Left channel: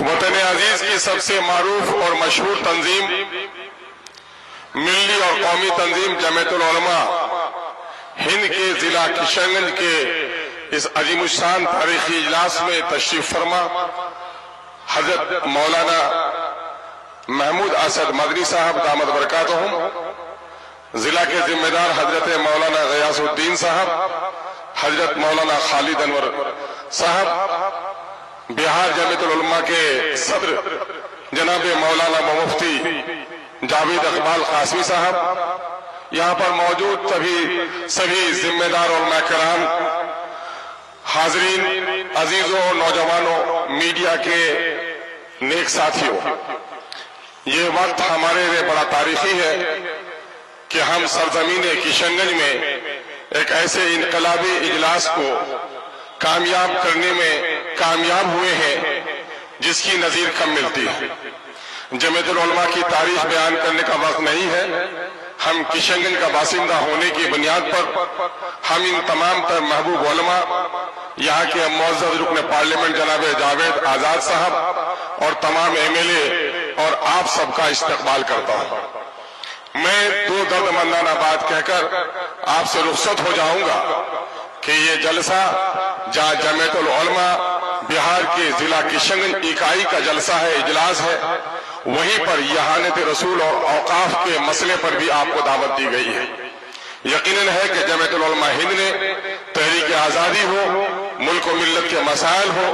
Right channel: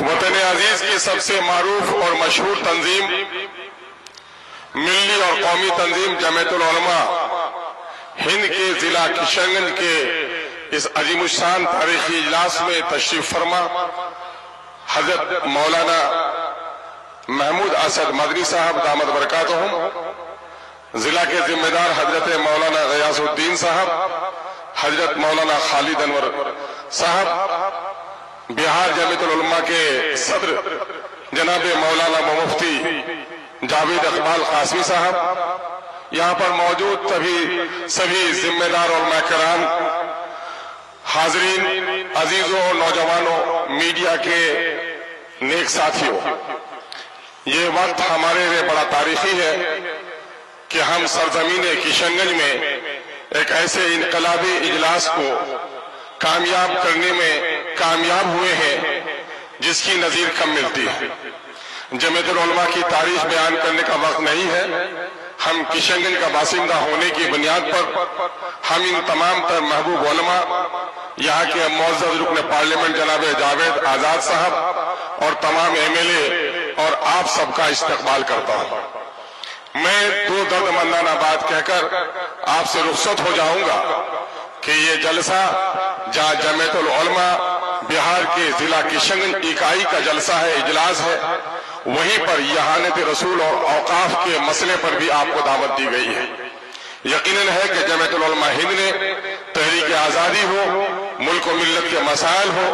وطن عزیز کی سب سے معروف اور مشہور تنظیم ملی اور قومی تنظیم جمعیت العلماء ہند کے ضلع کشن گنج کے اس عظیم الشان تاریخی اجلاس میں تشریف فرما حضرت مولانا محمود اسد مدنی صاحب دامت برکاتہم، ضلع کے ذمہ دار حضرت مولانا غیاث الدین صاحب، حضرت مولانا خالد انور صاحب، بہار جمعیت العلماء کے صدر جناب مولانا مفتی جاوید اقبال قاسمی صاحب، یہاں پر موجود سبھی ذمہ دار علماء کرام، حاضرین، عزیزوں، نوجوانوں، میڈیا کے نیک ساتھیوں، یہ وقت ہمارے لیے بڑا تاریخی ہے کہ ہم سرزمین کشن گنج میں ایک ایسے انقلابی اجلاس کو کامیاب کرنے میں کامیاب ہوئے ہیں جس کی نظیر کم ملتی ہے۔ جمعیت العلماء کی تاریخ بیان کرنے کا وقت نہیں ہے، ہم کشن گنج کا باشندہ ہونے کی بنیاد پر ہم ان تمام تر محبوب علماء، یہاں کے معزز رکن پارلیمنٹ جناب جاوید آزاد صاحب اور تمام ایم ایل اے اور آپ سب کا استقبال کرتا ہوں۔ میں دو درد مندانہ بات کہہ کر آپ سے رخصت ہو جاؤں گا کہ یہ جلسہ جہاں جمعیت العلماء بہار کے ضلع کشن گنج اکائی کا جلسہ ہے، اجلاس ہے، وہیں پر یہانت رسول اور اوقاف کے مسئلے پر بھی آپ کو دعوت دی گئی ہے۔ یقیناً ہے کہ جمعیت العلماء ہند نے تحریک آزادی ہو، ملک و ملت کے مسائل ہو،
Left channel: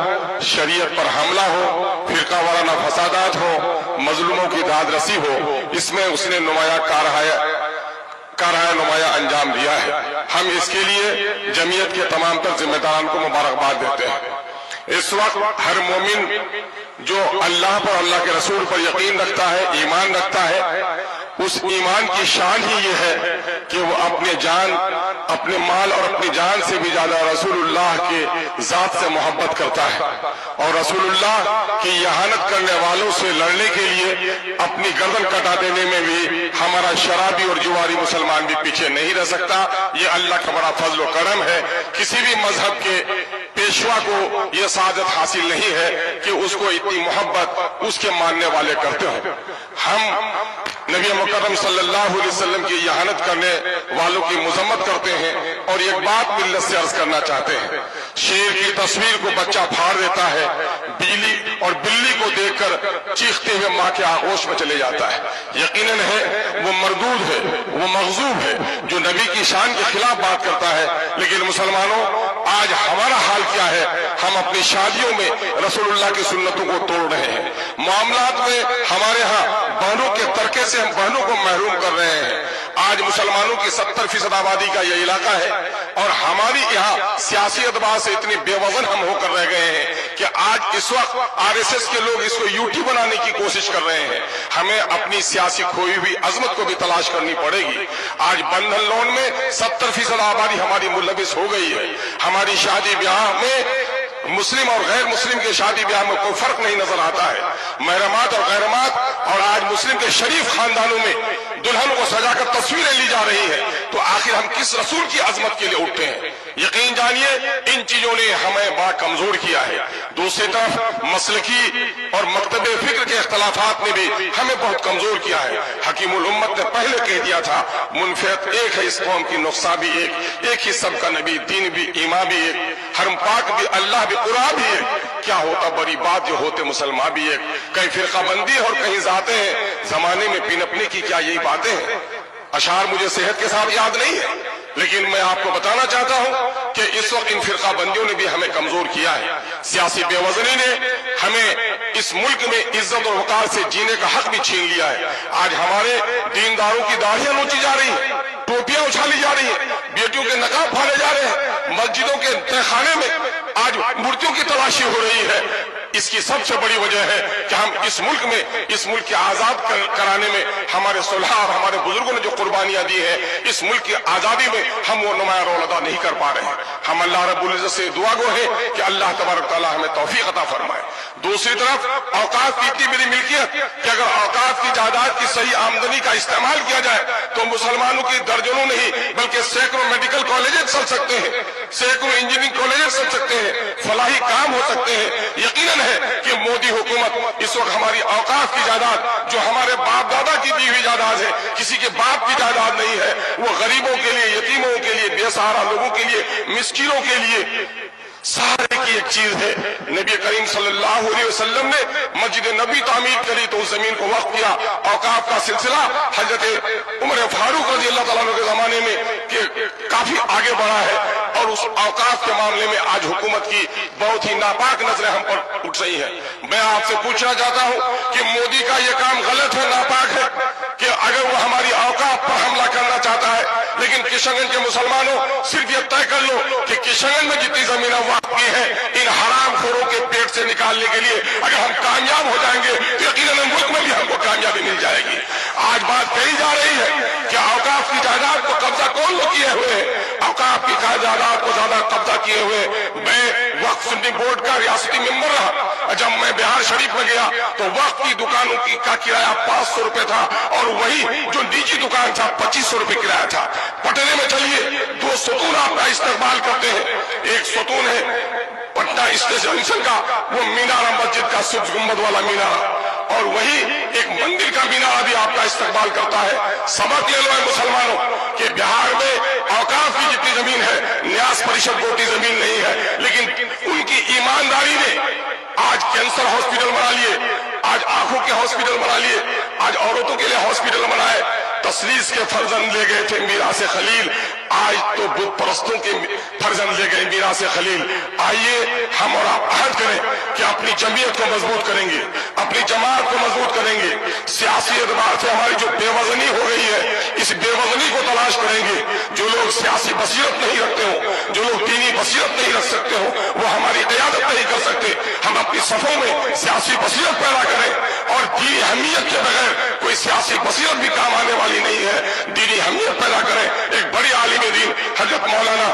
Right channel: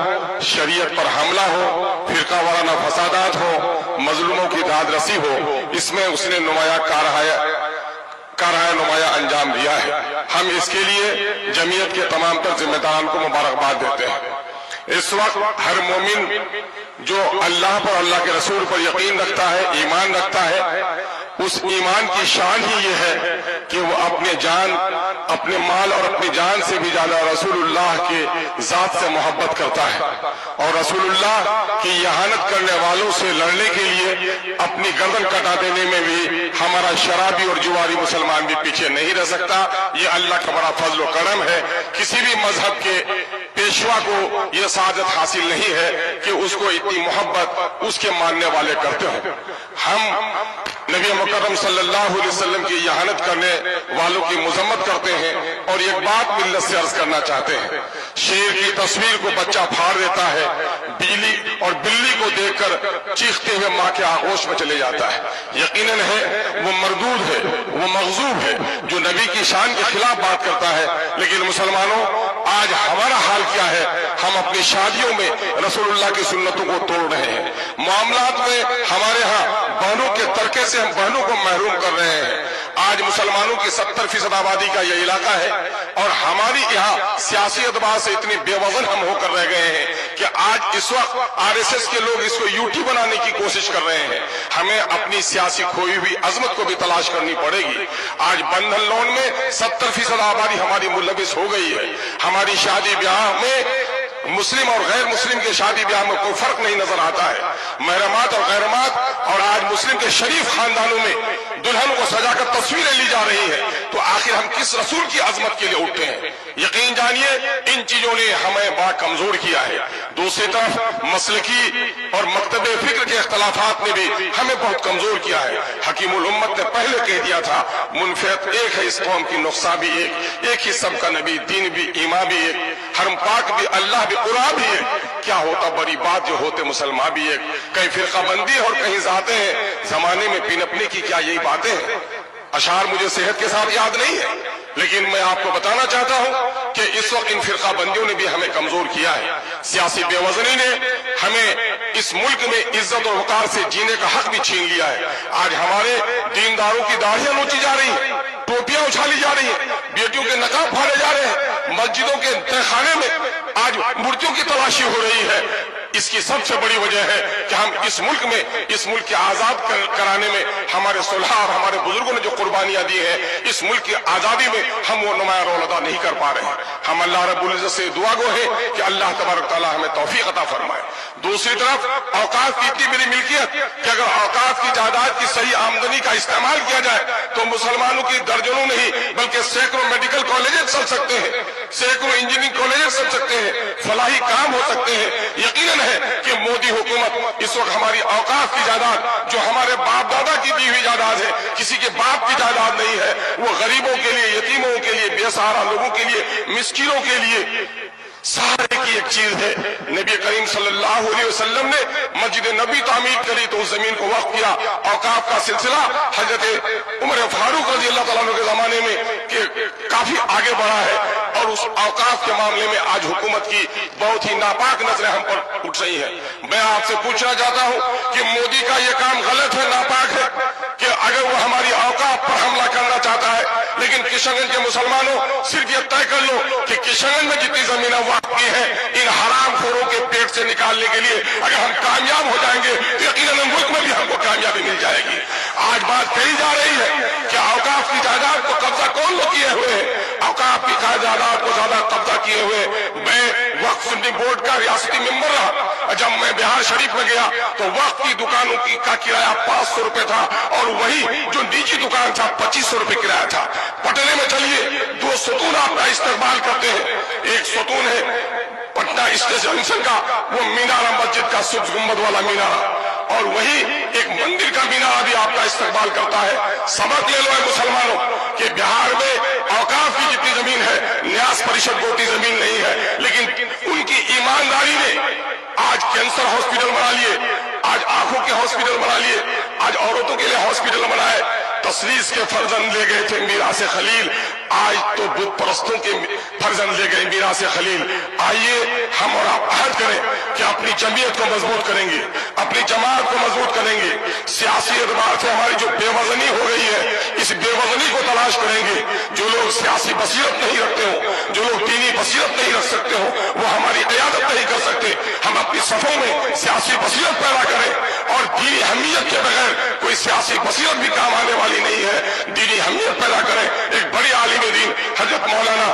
شریعت پر حملہ ہو، فرقہ وارانہ فسادات ہو، مظلوموں کی داد رسی ہو، اس میں اس نے نمایاں نمایاں انجام دیا ہے۔ ہم اس کے لیے جمعیت کے تمام تر ذمہ داران کو مبارکباد دیتے ہیں۔ اس وقت ہر مومن جو اللہ پر، اللہ کے رسول پر یقین رکھتا ہے، ایمان رکھتا ہے، اس ایمان کی شان ہی یہ ہے کہ وہ اپنے جان، اپنے مال اور اپنی جان سے بھی زیادہ رسول اللہ کے ذات سے محبت کرتا ہے، اور رسول اللہ کی اہانت کرنے والوں سے لڑنے کے لیے اپنی گردن کٹا دینے میں بھی ہمارا شرابی اور جواری مسلمان بھی پیچھے نہیں رہ سکتا۔ یہ اللہ کا بڑا فضل و کرم ہے۔ کسی بھی مذہب کے پیشوا کو یہ سعادت حاصل نہیں ہے کہ اس کو اتنی محبت اس کے ماننے والے کرتے ہوں۔ ہم نبی مکرم صلی اللہ علیہ وسلم کی اہانت کرنے والوں کی مذمت کرتے ہیں، اور ایک بات ملت سے عرض کرنا چاہتے ہیں، شیر کی تصویر کو بچہ پھاڑ دیتا ہے، بلی کو دیکھ کر چیختے ہوئے ماں کے آغوش میں چلے جاتا ہے۔ یقیناً ہے وہ مردود ہے، وہ مغضوب ہے جو نبی کی شان کے خلاف بات کرتا ہے۔ لیکن مسلمانوں، آج ہمارا حال کیا ہے؟ ہم اپنی شادیوں میں رسول اللہ کی سنتوں کو توڑ رہے ہیں، معاملات میں ہمارے ہاں بہنوں کے ترکے سے ہم بہنوں کو محروم کر رہے ہیں۔ آج مسلمانوں کی 70% آبادی کا یہ علاقہ ہے، اور ہماری یہاں سیاسی اعتبار سے اتنے بے وزن ہم ہو کر رہ گئے ہیں کہ آج اس وقت RSS کے لوگ اس کو UT بنانے کی کوشش کر رہے ہیں۔ ہمیں اپنی سیاسی کھوئی ہوئی عظمت کو بھی تلاش کرنی پڑے گی۔ آج بندھن لون میں 70% آبادی ہماری ملوث ہو گئی ہے۔ ہماری شادی بیاہ میں مسلم اور غیر مسلم کے شادی بیاہ میں کوئی فرق نہیں نظر آتا ہے۔ محرمات اور غیرمات، اور آج مسلم کے شریف خاندانوں میں دلہن کو سجا کر تصویریں لی جا رہی ہیں، تو آخر ہم کس رسول کی عظمت کے لیے اٹھتے ہیں؟ یقین جانیے ان چیزوں نے ہمیں بڑا کمزور کیا ہے۔ دوسری طرف مسلکی اور مکتب فکر کے اختلافات نے بھی ہمیں بہت کمزور کیا ہے۔ حکیم الامت نے پہلے کہہ دیا تھا، منفعت ایک ہے اس قوم کی، نقصہ بھی ایک ہی سب کا نبی، دین بھی، ایمان بھی ایک، حرم پاک بھی، اللہ بھی، قرآن بھی ایک۔ کیا ہوتا بڑی بات جو ہوتے مسلمان بھی ایک؟ کہیں فرقہ بندی اور کہیں ذاتیں ہیں، زمانے میں پنپنے کی کیا یہی باتیں ہیں؟ اشعار مجھے صحت کے ساتھ یاد نہیں ہے، لیکن میں آپ کو بتانا چاہتا ہوں کہ اس وقت ان فرقہ بندیوں نے بھی ہمیں کمزور کیا ہے۔ سیاسی بے وزنی نے ہمیں اس ملک میں عزت اور وقار سے جینے کا حق بھی چھین لیا ہے۔ آج ہمارے دینداروں کی داڑھیاں نوچی جا رہی ہیں، ٹوپیاں اچھالی جا رہی ہیں، بیٹیوں کے نقاب پھاڑے جا رہے ہیں، مسجدوں کے تہخانے میں آج مورتیوں کی تلاشی ہو رہی ہے۔ اس کی سب سے بڑی وجہ ہے کہ ہم اس ملک کے آزاد کرانے میں ہمارے صلحاء اور ہمارے بزرگوں نے جو قربانیاں دی ہیں، اس ملک کی آزادی میں ہم وہ نمایاں رول ادا نہیں کر پا رہے ہیں۔ ہم اللہ رب العزت سے دعا گو ہیں کہ اللہ تبارک تعالیٰ ہمیں توفیق عطا فرمائے۔ دوسری طرف اوقاف کی اتنی بڑی ملکیت کہ اگر اوقاف کی جائیداد کی صحیح آمدنی کا استعمال کیا جائے تو مسلمانوں کی درجنوں نہیں بلکہ سینکڑوں میڈیکل کالجز چل سکتے ہیں، سینکڑوں انجینئرنگ کالجز چل سکتے ہیں، فلاحی کام ہو سکتے ہیں۔ یقیناً मुतमईन है कि मोदी हुकूमत इस वक्त हमारी औकाफ की जायदाद, जो हमारे बाप दादा की दी हुई जायदाद है, किसी के बाप की जायदाद नहीं है, वो गरीबों के लिए, यतीमों के लिए, बेसहारा लोगों के लिए, मिस्किनों के लिए सारे की एक चीज है। नबी करीम सल्लल्लाहु अलैहि वसल्लम ने मस्जिद नबी तामीर करी तो उस जमीन को वक्फ किया। औकाफ का सिलसिला हजरत उमर फारूक रजी अल्लाह तआला के जमाने में के काफी आगे बढ़ा है, और उस औकाफ के मामले में आज हुकूमत की बहुत ही नापाक नजरें हम पर उठ रही है। मैं आपसे पूछना चाहता हूं कि मोदी का ये काम गलत है, नापाक है, कि अगर वो हमारी औकाफ पर हमला करना चाहता है, लेकिन किशनगंज के मुसलमानों सिर्फ ये तय कर लो कि किशनगंज में जितनी जमीन वक्फ की है, इन हरामखोरों के पेट से निकालने के लिए अगर हम कामयाब हो जाएंगे तो यकीनन मुल्क में भी हमको कामयाबी मिल जाएगी। आज बात कही जा रही है कि औकाफ की जायदाद को कब्जा कौन लोग किए हुए हैं, औकाफ की जायदाद को ज्यादा कब्जा किए हुए। मैं वक्फ सुन्नी बोर्ड का रियासती मेंबर रहा, जब मैं बिहार शरीफ में गया तो वक्फ की दुकानों का किराया 500 रुपए था, और वही जो निजी दुकान था 2500 रुपए किराया था। पटने में चलिए, 2 सतून आपका इस्तेमाल करते हैं। एक सतून है पटना स्टेशन का, वो मीनारा मस्जिद का सुब्ज गुम्बद वाला मीनारा, और वही एक मंदिर का मीनारा भी आपका इस्तेमाल करता है। सबक ले लो है मुसलमानों कि बिहार में औकाफ की जितनी जमीन है, न्यास परिषद को उतनी जमीन नहीं है, लेकिन उनकी ईमानदारी ने आज कैंसर हॉस्पिटल बना लिए, आज आंखों के हॉस्पिटल बना लिए, आज औरतों के लिए हॉस्पिटल बनाए। तसलीस के फर्जंद ले गए थे मीरास खलील, आज तो बुत परस्तों के फर्जंद ले गए मीरास खलील। आइए हम और आप अहद करें कि अपनी जमीयत को मजबूत करेंगे, अपनी जमात को मजबूत करेंगे। सियासी एतबार से हमारी जो बेवजनी हो गई है, इस बेवजनी को तलाश करेंगे। जो लोग सियासी बसीरत नहीं रखते हो, जो लोग दीनी बसीरत नहीं रख सकते हो, वो हमारी क़यादत नहीं कर सकते। हम अपनी सफों में सियासी बसीरत पैदा करें, और दीनी अहमियत के बगैर कोई सियासी बसीरत भी काम आने वाली नहीं है। दीनी अहमियत पैदा करें। एक बड़ी आलिम दीन हजरत मौलाना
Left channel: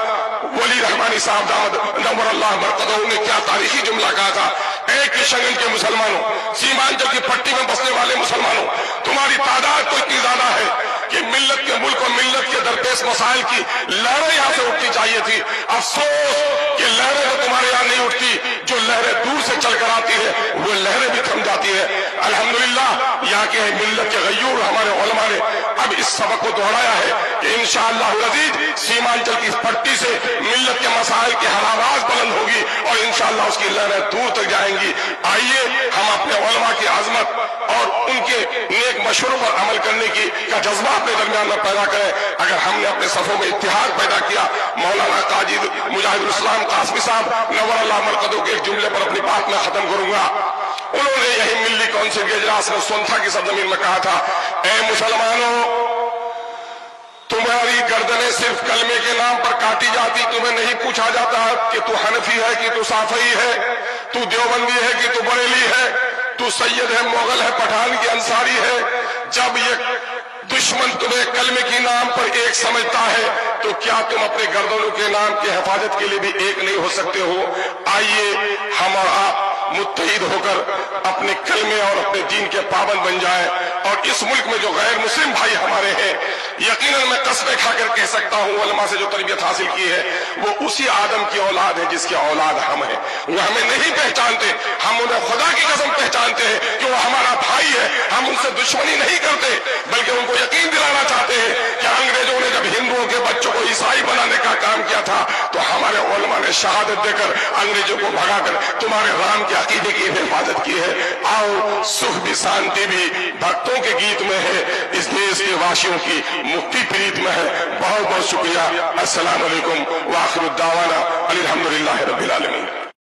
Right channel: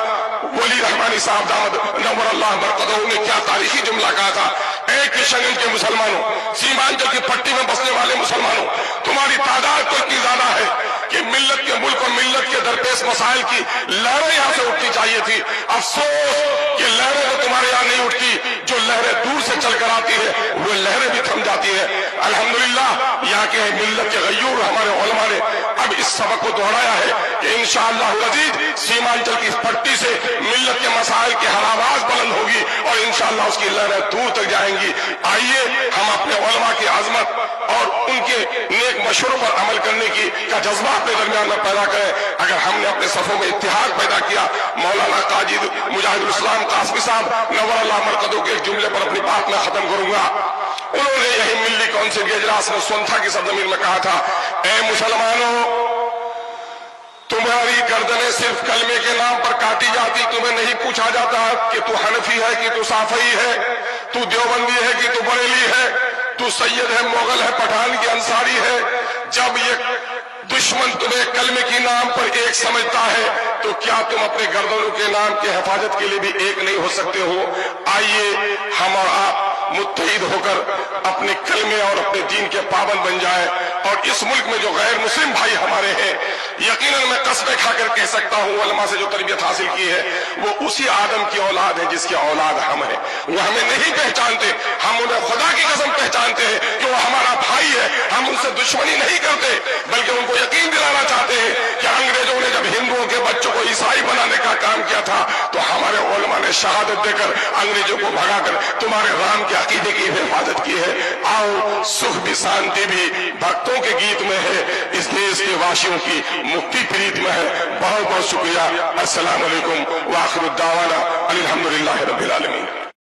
वली रहमानी साहब दामद नव्वर अल्लाह बरकतहू ने क्या तारीखी जुमला कहा था, एक किशनगंज के मुसलमानों, सीमांचल की पट्टी में बसने वाले मुसलमानों, तुम्हारी तादाद तो इतनी ज्यादा है कि मिल्लत के मुल्क और मिल्लत के दरपेश मसाइल की लहरें यहाँ से उठनी चाहिए थी। अफसोस कि लहरें तो तुम्हारे यहाँ नहीं उठती, जो लहरें दूर से चलकर आती है वो लहरें भी थम जाती है। अल्हम्दुलिल्लाह यहाँ के मिल्लत के गयूर हमारे उलमा ने अब इस सबक को दोहराया है कि इंशाअल्लाह अज़ीज़ सीमांचल की पट्टी से मिल्लत के मसाइल की हर आवाज बुलंद होगी, और इंशाअल्लाह उसकी लहरें दूर तक जाएंगी। आइए हम अपने उलमा की आजमत और उनके नेक मशवरों पर अमल करने की का जज्बा अपने दरमियान में पैदा करें। अगर हमने अपने सफों में इत्तेहाद पैदा किया, मौलाना काजी मुजाहिदुल इस्लाम कासमी साहब नव्वर अल्लाह मरकदों के एक जुमले पर अपनी बात में खत्म करूंगा। उन्होंने यही मिल्ली काउंसिल के इजलास में सोनथा की सरजमीन में कहा था, ए मुसलमानों, तुम्हारी गर्दनें सिर्फ कलमे के नाम पर काटी जाती, तुम्हें नहीं पूछा जाता कि तू हनफी है कि तू साफई है, तू देवबंदी है कि तू बरेली है, तू सैयद है, मोगल है, पठान की अंसारी है। जब ये दुश्मन तुम्हें कलमे के नाम पर एक समझता है, तो क्या तुम अपने गर्दनों के नाम की हिफाजत के लिए भी एक नहीं हो सकते हो? आइए हम और आप मुत्तहिद होकर अपने कलमे और अपने दीन के पाबंद बन जाएं, और इस मुल्क में जो गैर मुस्लिम भाई हमारे हैं, यकीनन मैं कसमें खाकर कह सकता हूं, उलमा से जो तरबियत हासिल की है वो उसी आदम की औलाद है जिसकी औलाद हम हैं। वो हमें नहीं पहचानते, हम उन्हें खुदा की कसम पहचानते हैं कि वो हमारा भाई है। हम उनसे दुश्मनी नहीं करते, बल्कि उनको यकीन दिलाना चाहते हैं कि अंग्रेजों ने जब हिंदुओं के बच्चों को ईसाई बनाने का काम किया था, तो हमारे उलमा ने शहादत देकर अंग्रेजों को भगाकर तुम्हारे राम के अकीदे की हिफाजत की है। आओ, सुख भी शांति भी भक्तों के गीत में है, इस देश के वासियों की मुक्ति प्रीत में है। बहुत बहुत शुक्रिया। अस्सलाम वालेकुम व आखिर दावाना अल्हम्दुलिल्लाहि रब्बिल आलमीन।